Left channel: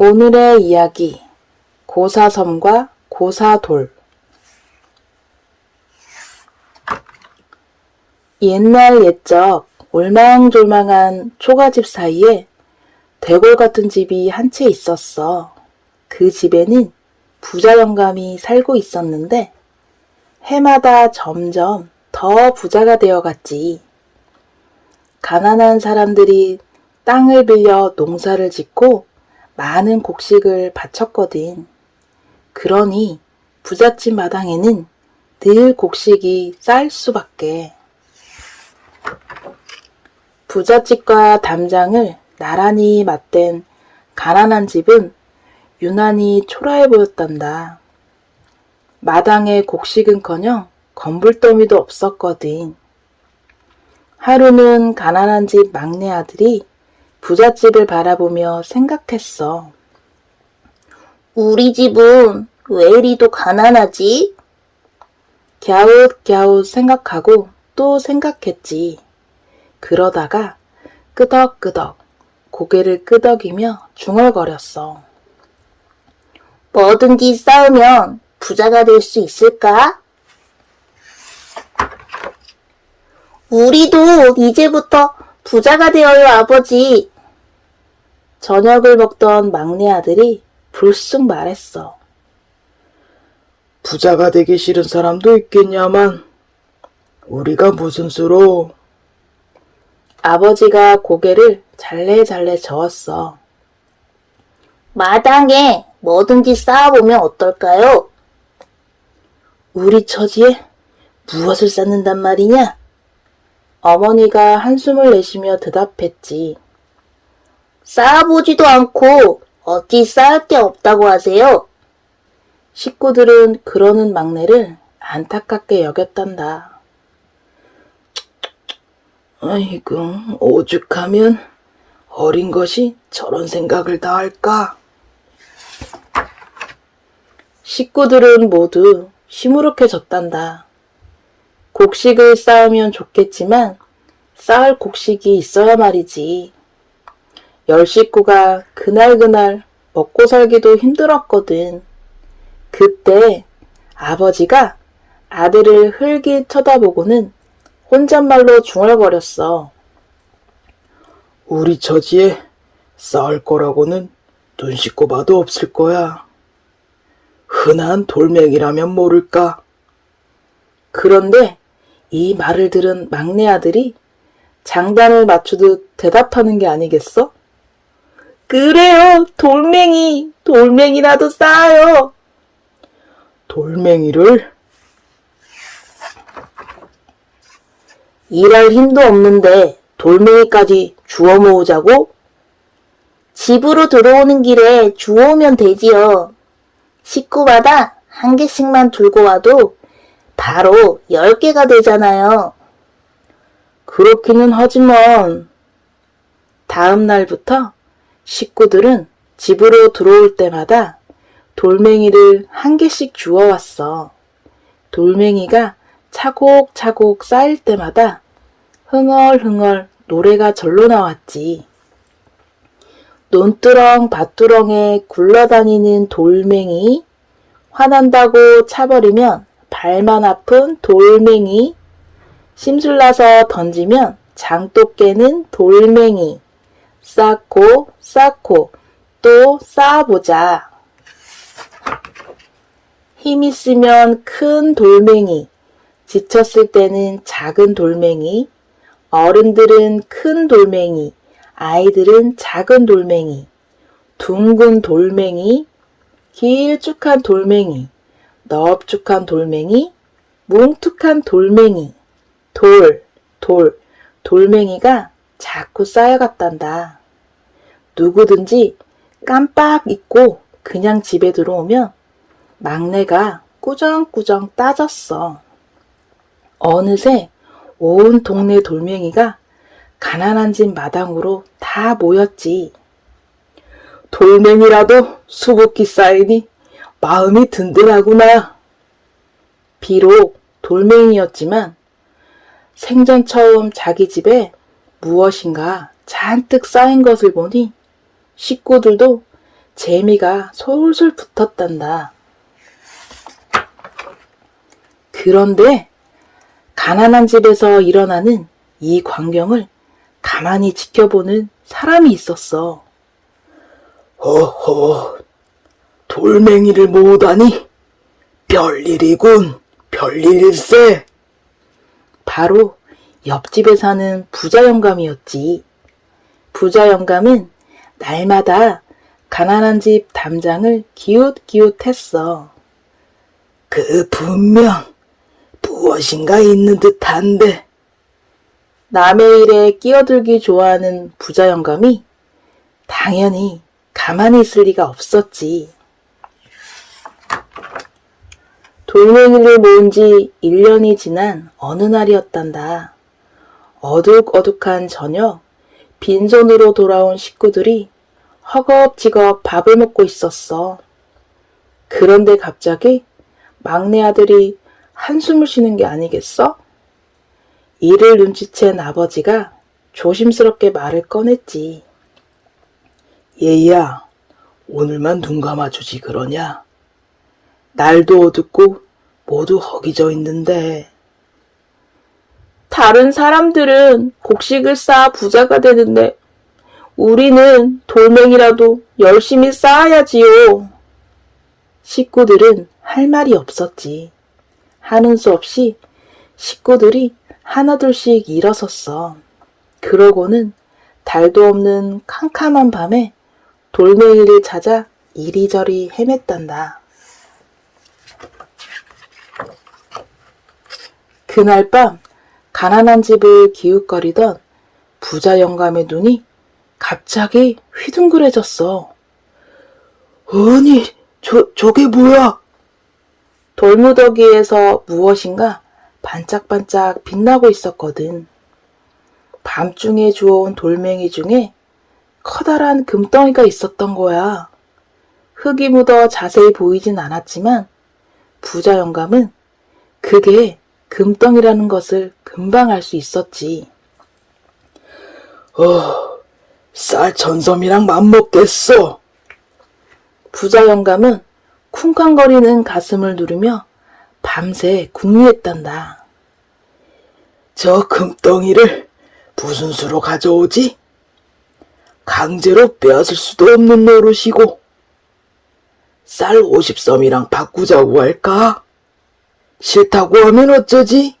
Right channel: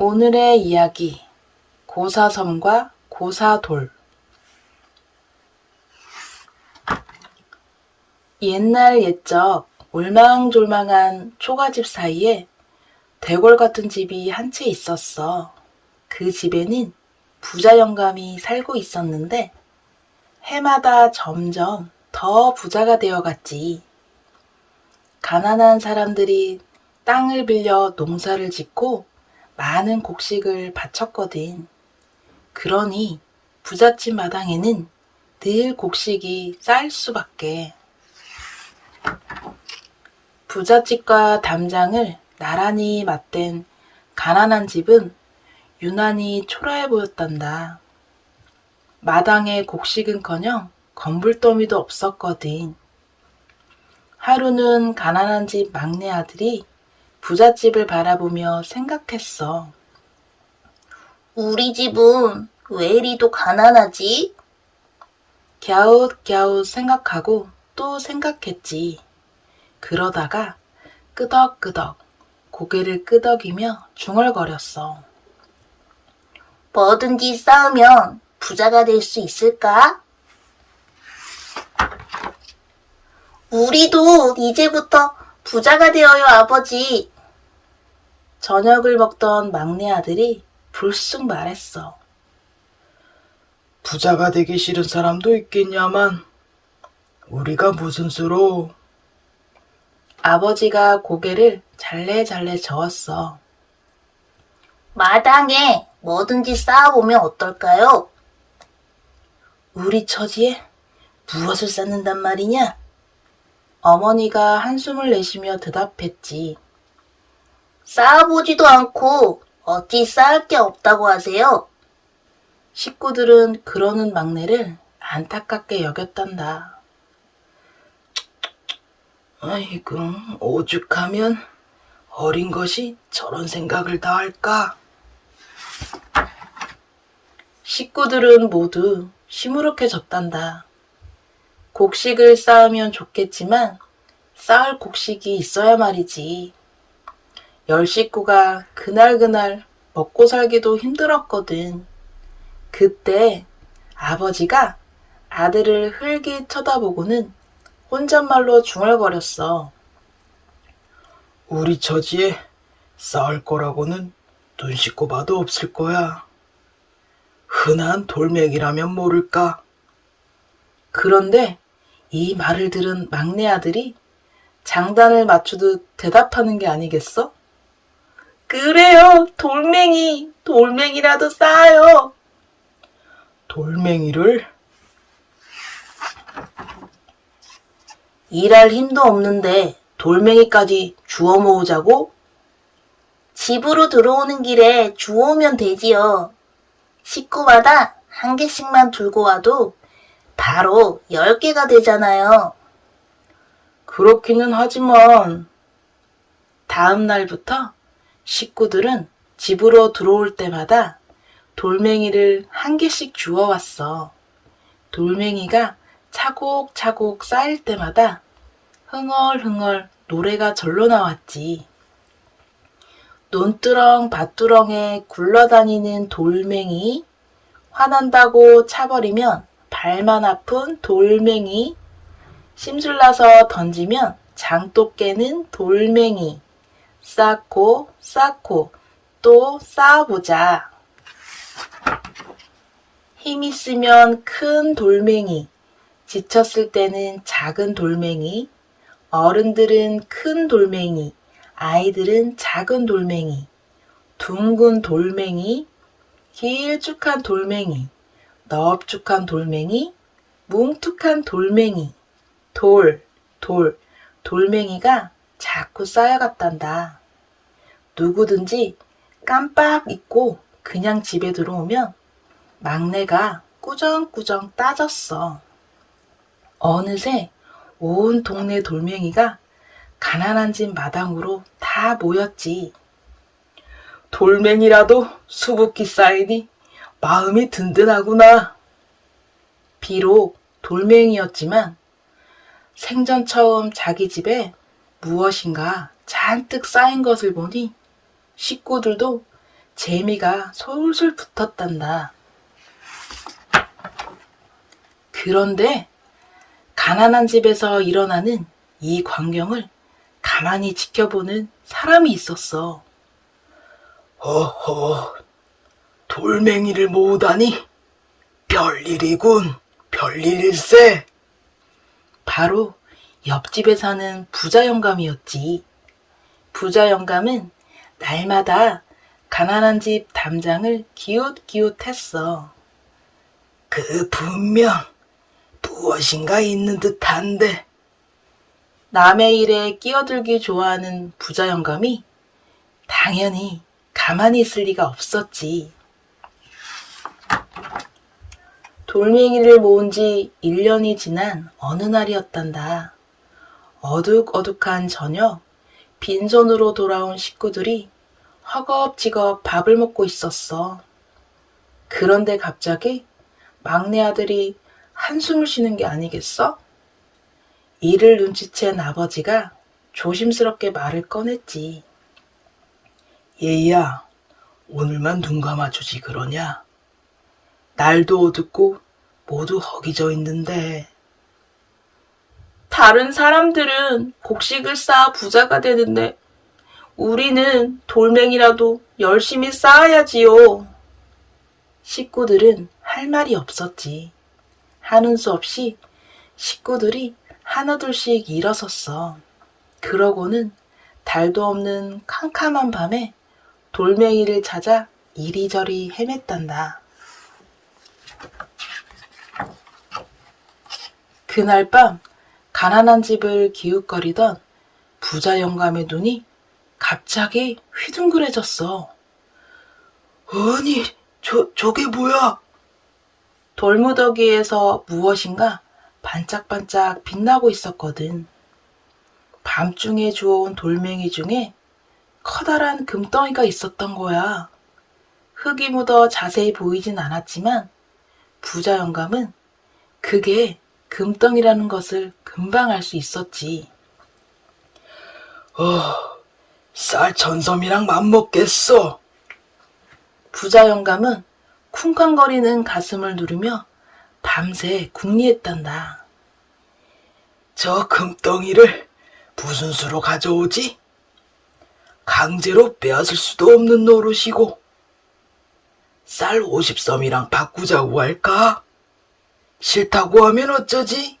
오늘의 이야기, 고사섬과 고사돌. 옛날 옛적 올망졸망한 초가집 사이에 대골 같은 집이 한 채 있었어. 그 집에는 부자 영감이 살고 있었는데 해마다 점점 더 부자가 되어갔지. 가난한 사람들이 땅을 빌려 농사를 짓고 많은 곡식을 바쳤거든. 그러니 부잣집 마당에는 늘 곡식이 쌓일 수밖에. 부잣집과 담장을 나란히 맞댄 가난한 집은 유난히 초라해 보였단다. 마당에 곡식은커녕 건불더미도 없었거든. 하루는 가난한 집 막내 아들이 부잣집을 바라보며 생각했어. 우리 집은 왜 이리도 가난하지? 갸웃갸웃 생각하고 또 생각했지. 그러다가 끄덕끄덕 고개를 끄덕이며 중얼거렸어. 뭐든지 쌓으면 부자가 될 수 있을까? 우리도 이제부터 부자가 되어요, 아버지. 저녁을 먹던 막내 아들이 불쑥 말했어. 부자가 되기 싫은 사람도 있겠냐만 우리가 무슨 수로. 아버지가 고개를 잘래잘래 저었어. 마당에 뭐든지 쌓아보면 어떨까요? 우리 처지에 무엇을 쌓는단 말이냐? 어머니가 한숨을 내쉬며 대답했지. 쌓아보지도 않고 어찌 쌓을 게 없다고 하세요? 식구들은 그러는 막내를 안타깝게 여겼단다. 아이고, 오죽하면 어린 것이 저런 생각을 다 할까? 식구들은 모두 시무룩해졌단다. 곡식을 쌓으면 좋겠지만 쌓을 곡식이 있어야 말이지. 10식구가 그날그날 먹고 살기도 힘들었거든. 그때 아버지가 아들을 흘기 쳐다보고는 혼잣말로 중얼거렸어. 우리 처지에 쌓을 거라고는 눈 씻고 봐도 없을 거야. 흔한 돌멩이라면 모를까? 그런데 이 말을 들은 막내 아들이 장단을 맞추듯 대답하는 게 아니겠어? 그래요, 돌멩이라도 쌓아요. 돌멩이를? 일할 힘도 없는데 돌멩이까지 주워 모으자고? 집으로 들어오는 길에 주워오면 되지요. 식구마다 한 개씩만 들고 와도 바로 10개가 되잖아요. 그렇기는 하지만 다음 날부터 식구들은 집으로 들어올 때마다 돌멩이를 한 개씩 주워왔어. 돌멩이가 차곡차곡 쌓일 때마다 흥얼흥얼 노래가 절로 나왔지. 논두렁 밭두렁에 굴러다니는 돌멩이, 화난다고 차버리면 발만 아픈 돌멩이, 심술나서 던지면 장독 깨는 돌멩이, 쌓고 쌓고 또 쌓아보자. 힘 있으면 큰 돌멩이, 지쳤을 때는 작은 돌멩이, 어른들은 큰 돌멩이, 아이들은 작은 돌멩이, 둥근 돌멩이, 길쭉한 돌멩이, 넙죽한 돌멩이, 뭉툭한 돌멩이, 돌멩이가 자꾸 쌓여갔단다. 누구든지 깜빡 잊고 그냥 집에 들어오면 막내가 꾸정꾸정 따졌어. 어느새 온 동네 돌멩이가 가난한 집 마당으로 다 모였지. 돌멩이라도 수북히 쌓이니 마음이 든든하구나. 비록 돌멩이였지만 생전 처음 자기 집에 무엇인가 잔뜩 쌓인 것을 보니 식구들도 재미가 솔솔 붙었단다. 그런데 가난한 집에서 일어나는 이 광경을 가만히 지켜보는 사람이 있었어. 허허, 돌멩이를 모으다니 별일이군, 별일일세. 바로 옆집에 사는 부자 영감이었지. 부자 영감은 날마다 가난한 집 담장을 기웃기웃했어. 그 분명 무엇인가 있는 듯한데. 남의 일에 끼어들기 좋아하는 부자 영감이 당연히 가만히 있을 리가 없었지. 돌멩이를 모은 지 1년이 지난 어느 날이었단다. 어둑어둑한 저녁, 빈손으로 돌아온 식구들이 허겁지겁 밥을 먹고 있었어. 그런데 갑자기 막내 아들이 한숨을 쉬는 게 아니겠어? 이를 눈치챈 아버지가 조심스럽게 말을 꺼냈지. 얘야, 오늘만 눈 감아주지 그러냐? 날도 어둡고 모두 허기져 있는데. 다른 사람들은 곡식을 쌓아 부자가 되는데 우리는 돌멩이라도 열심히 쌓아야지요. 식구들은 할 말이 없었지. 하는 수 없이 식구들이 하나둘씩 일어섰어. 그러고는 달도 없는 캄캄한 밤에 돌멩이를 찾아 이리저리 헤맸단다. 그날 밤 가난한 집을 기웃거리던 부자 영감의 눈이 갑자기 휘둥그레졌어. 아니, 저게 뭐야? 돌무더기에서 무엇인가 반짝반짝 빛나고 있었거든. 밤중에 주워온 돌멩이 중에 커다란 금덩이가 있었던 거야. 흙이 묻어 자세히 보이진 않았지만 부자 영감은 그게 금덩이라는 것을 금방 알 수 있었지. 쌀 천섬이랑 맘먹겠어. 부자 영감은 쿵쾅거리는 가슴을 누르며 밤새 궁리했단다. 저 금덩이를 무슨 수로 가져오지? 강제로 빼앗을 수도 없는 노릇이고. 쌀 50섬이랑 바꾸자고 할까? 싫다고 하면 어쩌지?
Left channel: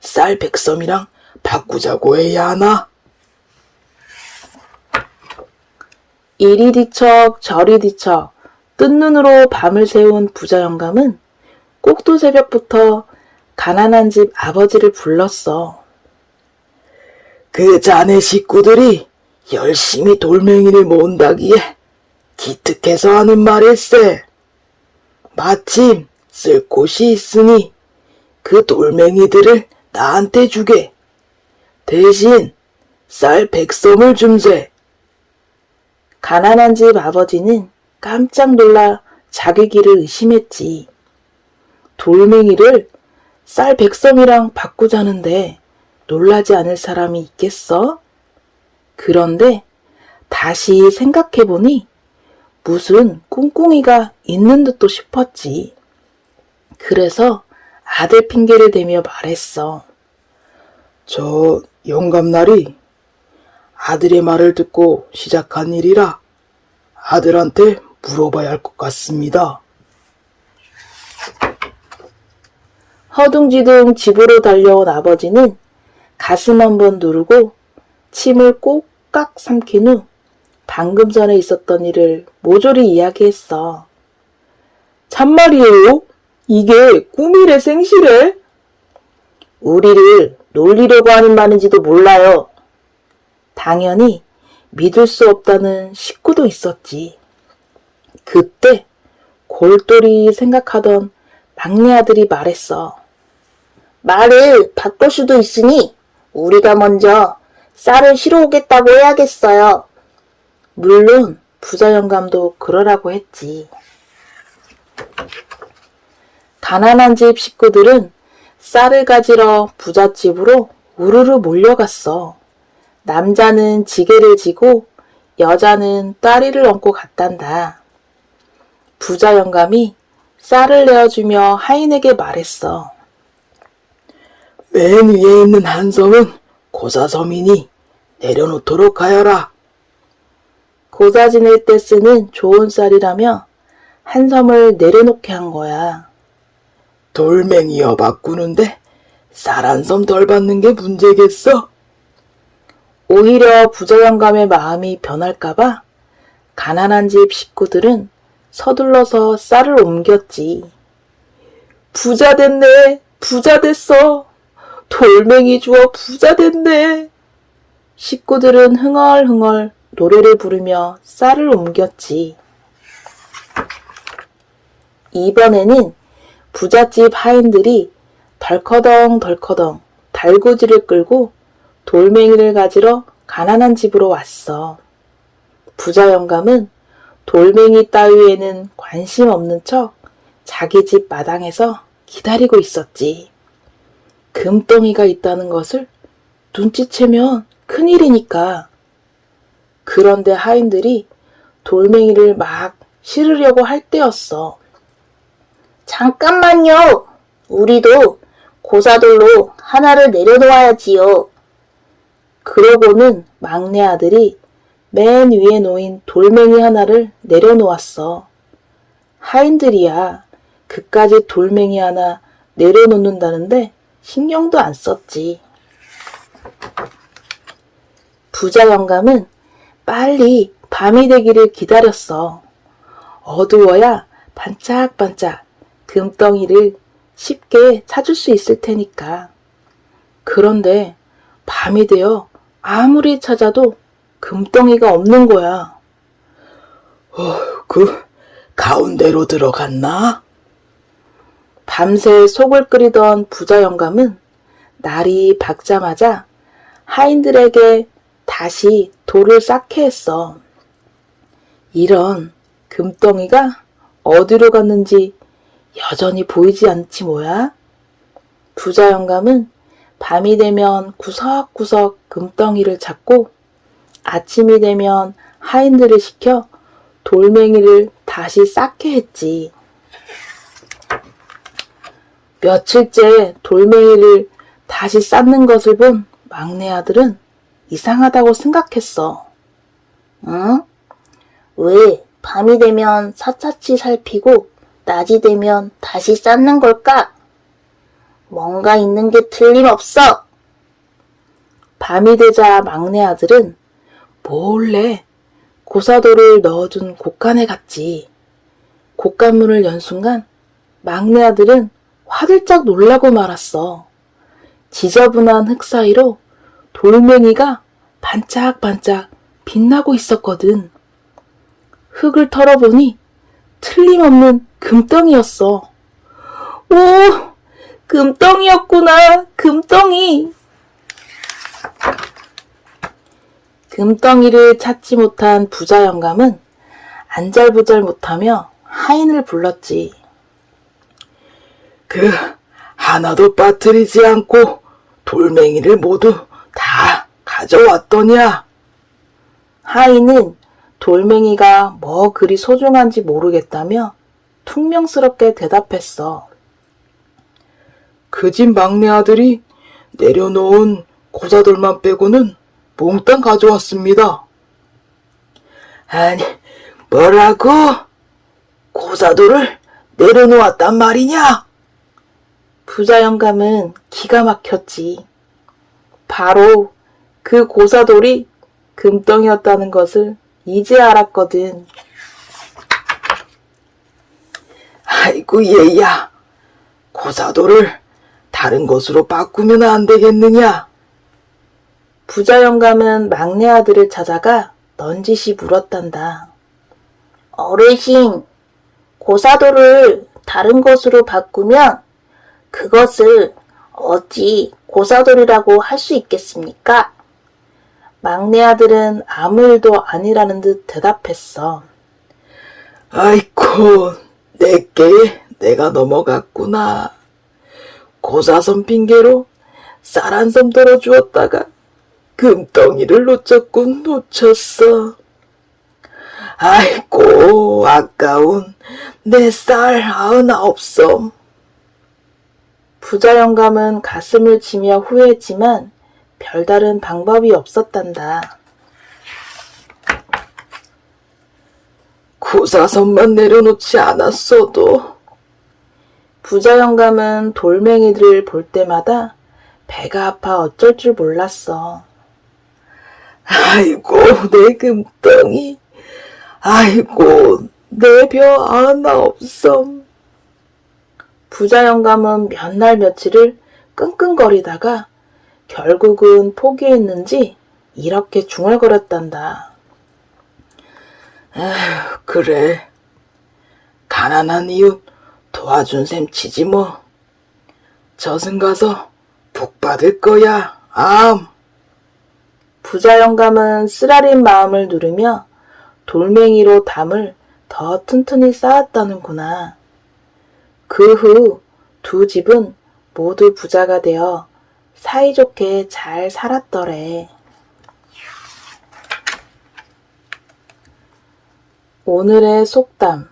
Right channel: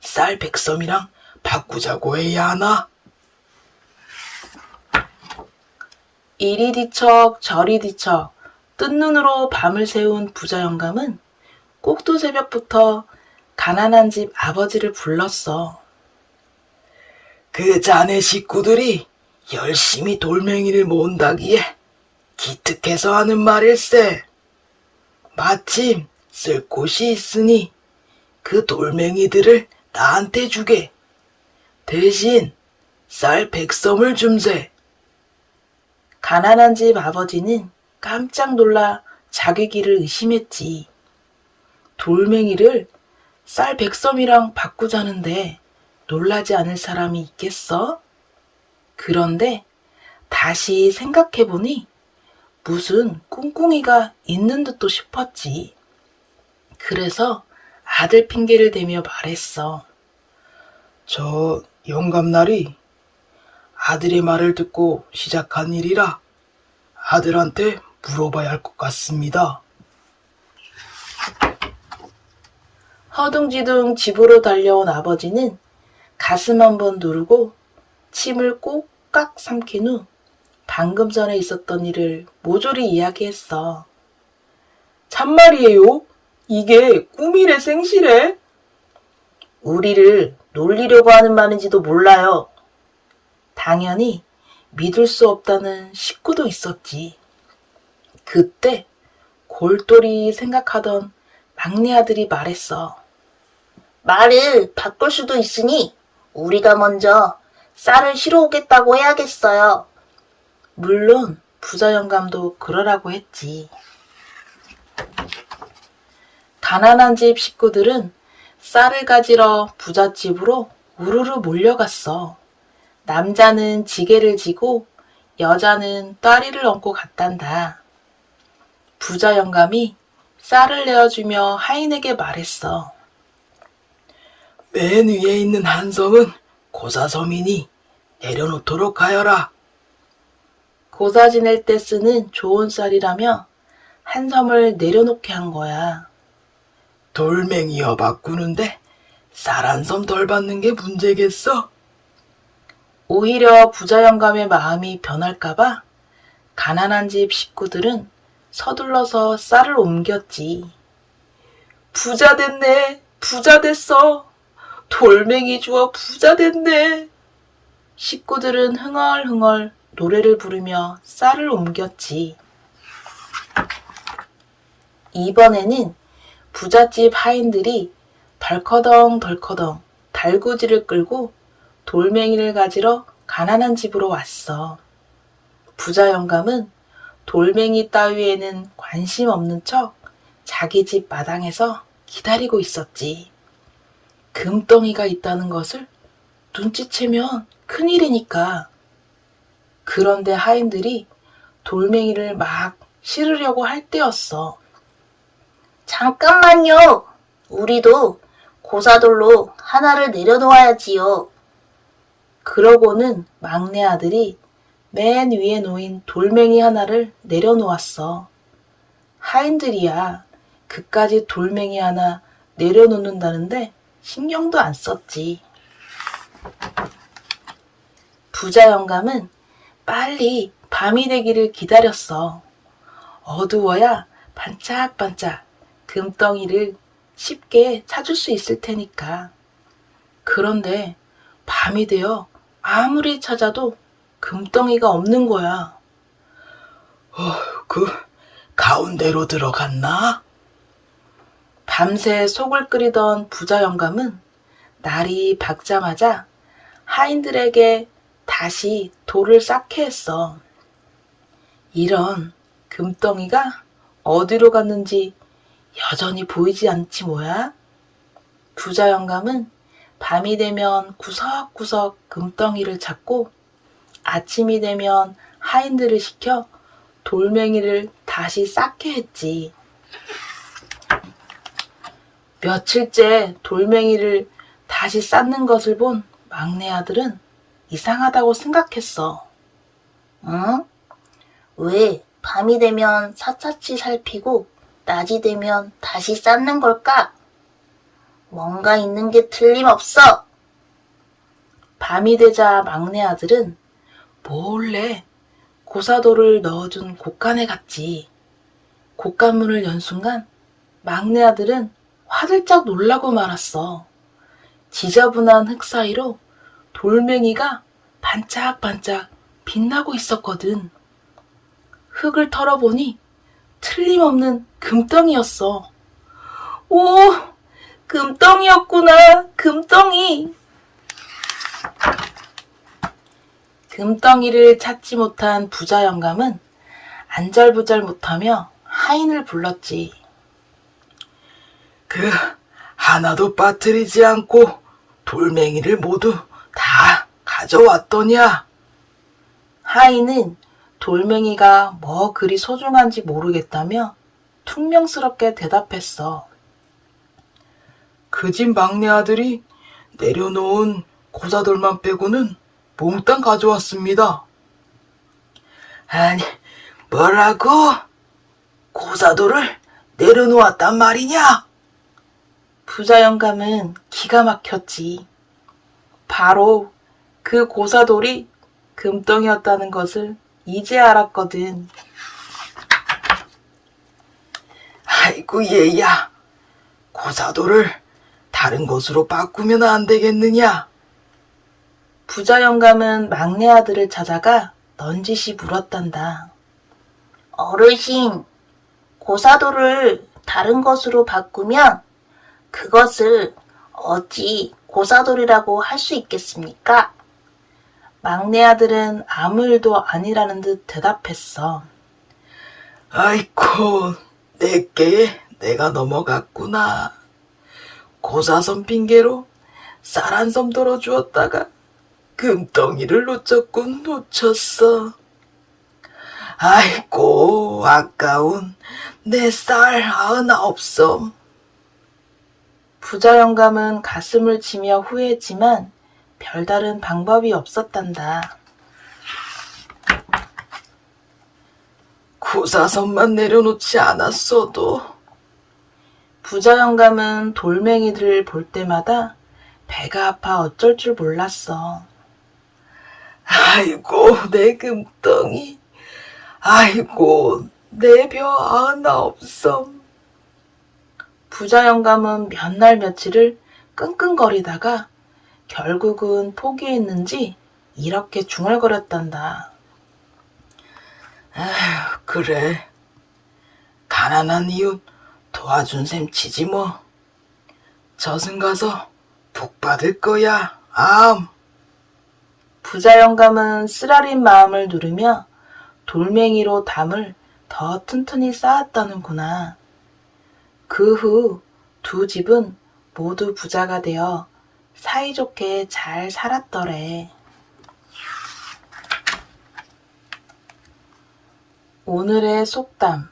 쌀 100섬이랑 바꾸자고 해야 하나? 이리 뒤척 저리 뒤척 뜬 눈으로 밤을 새운 부자 영감은 꼭두 새벽부터 가난한 집 아버지를 불렀어. 그 자네 식구들이 열심히 돌멩이를 모은다기에 기특해서 하는 말일세. 마침 쓸 곳이 있으니 그 돌멩이들을 나한테 주게. 대신 쌀 100섬을 줌세. 가난한 집 아버지는 깜짝 놀라 자기 귀를 의심했지. 돌멩이를 쌀 100섬이랑 바꾸자는데 놀라지 않을 사람이 있겠어? 그런데 다시 생각해보니 무슨 꿍꿍이가 있는 듯도 싶었지. 그래서 아들 핑계를 대며 말했어. 저 영감날이 아들의 말을 듣고 시작한 일이라 아들한테 물어봐야 할 것 같습니다. 허둥지둥 집으로 달려온 아버지는 가슴 한번 누르고 침을 꼭깍 삼킨 후 방금 전에 있었던 일을 모조리 이야기했어. 참말이에요? 이게 꿈이래 생시래? 우리를 놀리려고 하는 말인지도 몰라요. 당연히 믿을 수 없다는 식구도 있었지. 그때 골똘히 생각하던 막내 아들이 말했어. 말을 바꿀 수도 있으니 우리가 먼저 쌀을 실어 오겠다고 해야겠어요. 물론 부자 영감도 그러라고 했지. 가난한 집 식구들은 쌀을 가지러 부잣집으로 우르르 몰려갔어. 남자는 지게를 지고 여자는 딸이를 얹고 갔단다. 부자 영감이 쌀을 내어주며 하인에게 말했어. 맨 위에 있는 한 섬은 고사섬이니 내려놓도록 하여라. 고사 지낼 때 쓰는 좋은 쌀이라며 한 섬을 내려놓게 한 거야. 돌멩이여 바꾸는데 쌀 한 섬 덜 받는 게 문제겠어? 오히려 부자 영감의 마음이 변할까봐 가난한 집 식구들은 서둘러서 쌀을 옮겼지. 부자 됐네, 부자 됐어. 돌멩이 주워 부자 됐네. 식구들은 흥얼흥얼 노래를 부르며 쌀을 옮겼지. 이번에는 부잣집 하인들이 덜커덩 달구지를 끌고 돌멩이를 가지러 가난한 집으로 왔어. 부자 영감은 돌멩이 따위에는 관심 없는 척 자기 집 마당에서 기다리고 있었지. 금덩이가 있다는 것을 눈치채면 큰일이니까. 그런데 하인들이 돌멩이를 막 실으려고 할 때였어. 잠깐만요. 우리도 고사돌로 하나를 내려놓아야지요. 그러고는 막내 아들이 맨 위에 놓인 돌멩이 하나를 내려놓았어. 하인들이야 그까지 돌멩이 하나 내려놓는다는데 신경도 안 썼지. 부자 영감은 빨리 밤이 되기를 기다렸어. 어두워야 반짝반짝 금덩이를 쉽게 찾을 수 있을 테니까. 그런데 밤이 되어 아무리 찾아도 금덩이가 없는 거야. 그 가운데로 들어갔나? 밤새 속을 끓이던 부자 영감은 날이 밝자마자 하인들에게 다시 돌을 쌓게 했어. 이런 금덩이가 어디로 갔는지 여전히 보이지 않지 뭐야? 부자 영감은 밤이 되면 구석구석 금덩이를 찾고 아침이 되면 하인들을 시켜 돌멩이를 다시 쌓게 했지. 며칠째 돌멩이를 다시 쌓는 것을 본 막내 아들은 이상하다고 생각했어. 응? 왜 밤이 되면 샅샅이 살피고 낮이 되면 다시 쌓는 걸까? 뭔가 있는 게 틀림없어. 밤이 되자 막내 아들은 몰래 고사돌을 넣어둔 곳간에 갔지. 곳간문을 연 순간 막내 아들은 화들짝 놀라고 말았어. 지저분한 흙 사이로 돌멩이가 반짝반짝 빛나고 있었거든. 흙을 털어보니 틀림없는 금덩이였어. 오! 금덩이였구나. 금덩이. 금덩이를 찾지 못한 부자 영감은 안절부절 못하며 하인을 불렀지. 하나도 빠뜨리지 않고 돌멩이를 모두 다 가져왔더냐? 하인은 돌멩이가 뭐 그리 소중한지 모르겠다며 퉁명스럽게 대답했어. 그 집 막내 아들이 내려놓은 고사돌만 빼고는 몽땅 가져왔습니다. 아니, 뭐라고? 고사돌을 내려놓았단 말이냐? 부자 영감은 기가 막혔지. 바로 그 고사돌이 금덩이였다는 것을 이제 알았거든. 아이고 얘야, 고사돌을 다른 것으로 바꾸면 안 되겠느냐? 부자 영감은 막내 아들을 찾아가 넌지시 물었단다. 어르신, 고사돌을 다른 것으로 바꾸면 그것을 어찌 고사돌이라고 할 수 있겠습니까? 막내 아들은 아무 일도 아니라는 듯 대답했어. 아이고, 내게 내가 넘어갔구나. 고사선 핑계로 쌀 한 섬 덜어 주었다가 금덩이를 놓쳤군 놓쳤어. 아이고, 아까운 내 쌀 99섬. 부자 영감은 가슴을 치며 후회했지만 별다른 방법이 없었단다. 구사선만 내려놓지 않았어도. 부자 영감은 돌멩이들을 볼 때마다 배가 아파 어쩔 줄 몰랐어. 아이고, 내 금덩이. 아이고, 내 벼 99섬. 부자 영감은 몇 날 며칠을 끙끙거리다가 결국은 포기했는지 이렇게 중얼거렸단다. 그래. 가난한 이웃 도와준 셈 치지 뭐. 저승 가서 복 받을 거야, 암. 부자 영감은 쓰라린 마음을 누르며 돌멩이로 담을 더 튼튼히 쌓았다는구나. 그 후 두 집은 모두 부자가 되어 사이좋게 잘 살았더래. 오늘의 속담.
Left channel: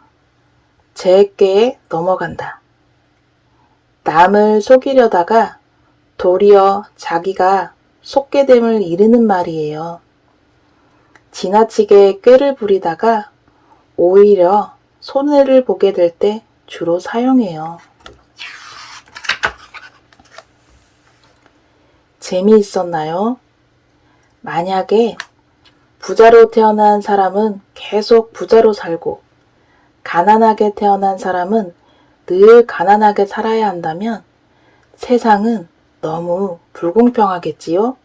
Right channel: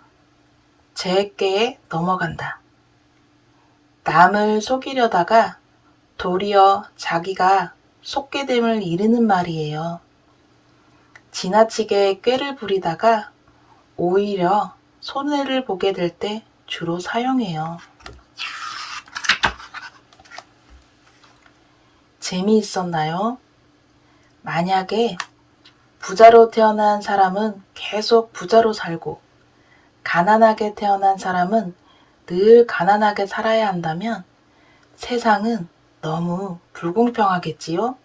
제게 넘어간다. 남을 속이려다가 도리어 자기가 속게 됨을 이르는 말이에요. 지나치게 꾀를 부리다가 오히려 손해를 보게 될 때 주로 사용해요. 재미있었나요? 만약에 부자로 태어난 사람은 계속 부자로 살고 가난하게 태어난 사람은 늘 가난하게 살아야 한다면 세상은 너무 불공평하겠지요?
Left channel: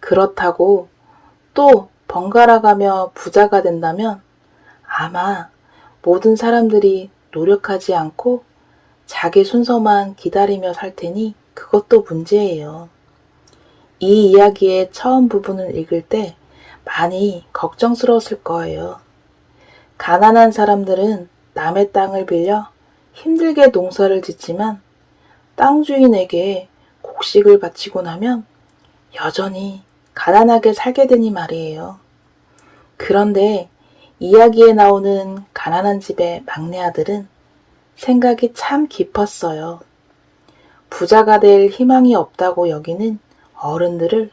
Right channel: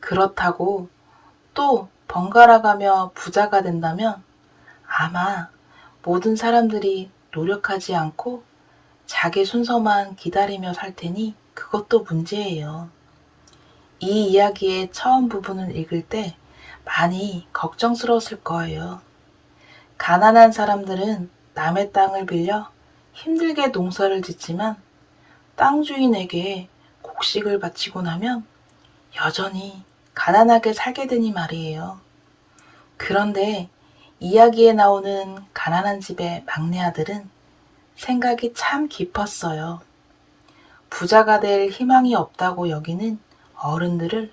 그렇다고 또 번갈아가며 부자가 된다면 아마 모든 사람들이 노력하지 않고 자기 순서만 기다리며 살 테니 그것도 문제예요. 이 이야기의 처음 부분을 읽을 때 많이 걱정스러웠을 거예요. 가난한 사람들은 남의 땅을 빌려 힘들게 농사를 짓지만 땅 주인에게 곡식을 바치고 나면 여전히 가난하게 살게 되니 말이에요. 그런데 이야기에 나오는 가난한 집의 막내 아들은 생각이 참 깊었어요. 부자가 될 희망이 없다고 여기는 어른들을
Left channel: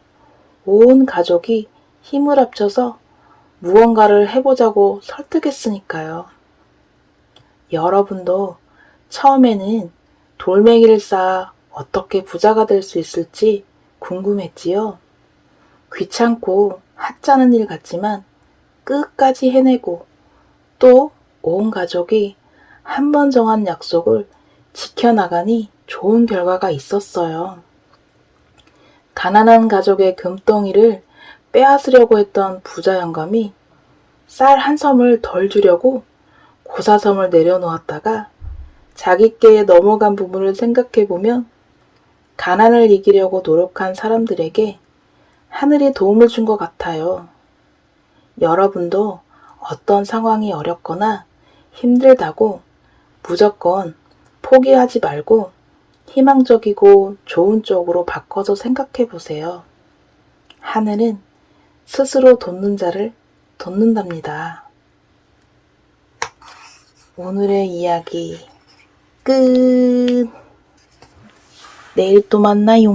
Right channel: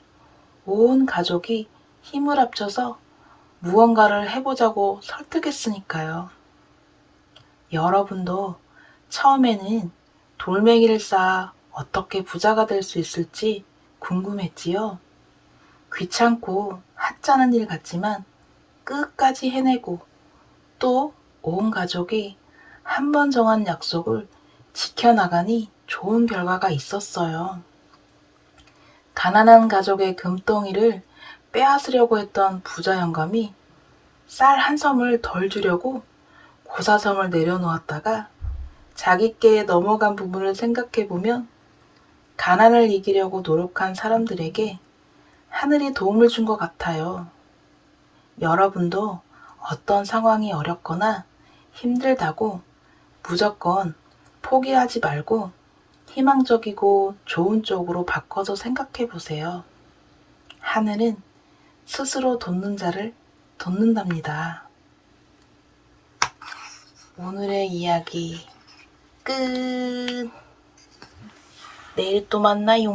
온 가족이 힘을 합쳐서 무언가를 해보자고 설득했으니까요. 여러분도 처음에는 돌멩이를 쌓아 어떻게 부자가 될 수 있을지 궁금했지요? 귀찮고 하찮은 일 같지만 끝까지 해내고 또 온 가족이 한 번 정한 약속을 지켜나가니 좋은 결과가 있었어요. 가난한 가족의 금덩이를 빼앗으려고 했던 부자 영감이 쌀 한 섬을 덜 주려고 고사섬을 내려놓았다가 자기께 넘어간 부분을 생각해보면 가난을 이기려고 노력한 사람들에게 하늘이 도움을 준 것 같아요. 여러분도 어떤 상황이 어렵거나 힘들다고 무조건 포기하지 말고 희망적이고 좋은 쪽으로 바꿔서 생각해 보세요. 하늘은 스스로 돕는 자를 돕는답니다. 오늘의 이야기 끝. 내일 또 만나요.